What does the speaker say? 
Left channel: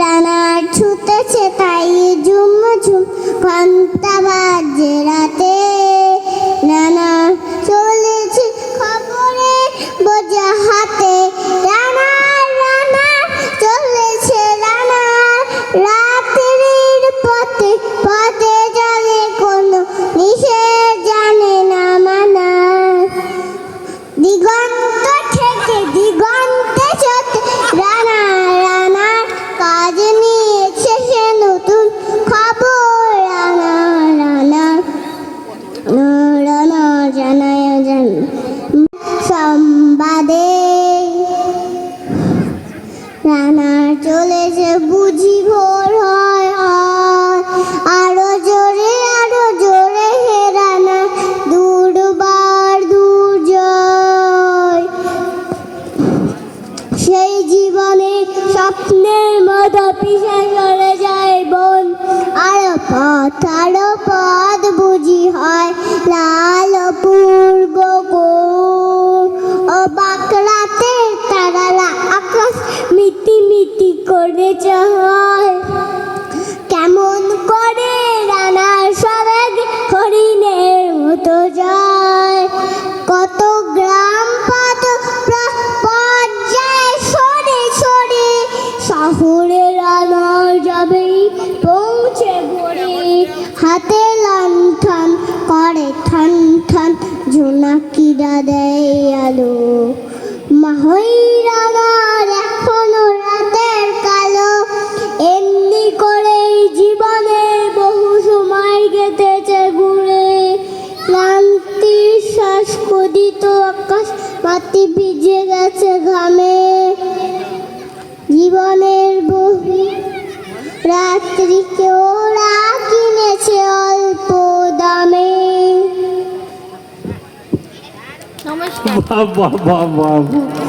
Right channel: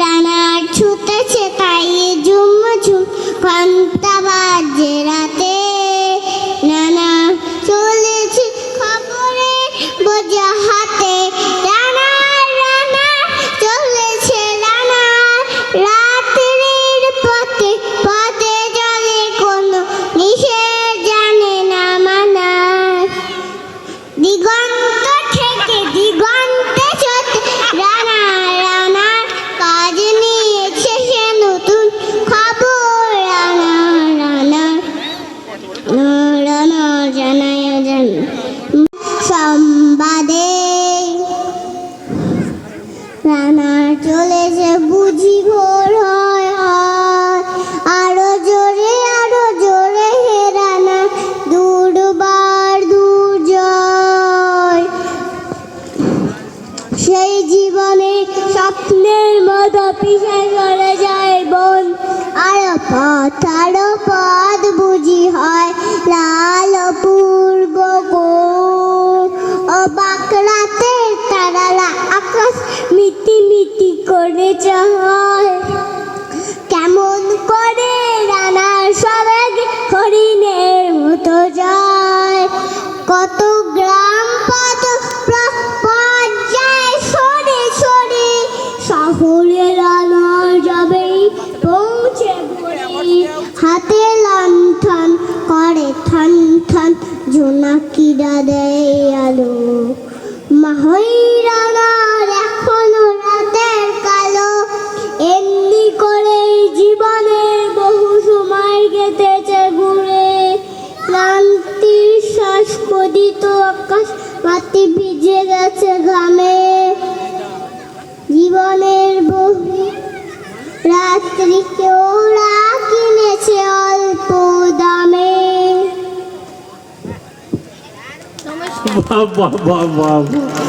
রানা ছুটেছে তাই ঝুম ঝুম ঘন্টা বাজে রাতে, রানা চলেছে খবরে বোঝা হাতে, রানা রানা চলেছে রানা রাত্রির পথে পথে চলে কোনো নিষেধ জানে না মানা, দিগন্ত থেকে দিগন্তে চলে রানা রানার কাজ নিয়েছে সে নতুন খবর, রানা রানার রানা জানায় সংবাদে, রানা চলেছে বুঝি ভোর হয় হয়, আরো জোরে হে রানা দুর্বার দুর্জয়, সেই জীবনে স্বপ্নের মতো পিছে চলে যায় বন, আরো পথ বুঝি হয় লাল পূর্ব অবাক রাতে তারারা আকাশ মিটি মিটি করে চায়, কেমন করে রানার সবেগ হরিণের মতো যায়, কত গ্রাম পথ পর্যায়ে সরে সরে শহরে রানা যাবেই পৌঁছে ভোরে, হাতে লণ্ঠন করে থন থন জোনাকিরা দেয় আলো, মাহই রানার এখনো রাতের কালো, এমনি করে জীবনে বহু সময় কেটেছে ঘুরে, ক্লান্তির শ্বাস খোদিত আকাশ মাটি ভিজে গেছে ঘামে, জীবনের বহু রাত্রিকে ওরা কিনেছে অল্প দামে। বাহ বাহ বাহ বাহ।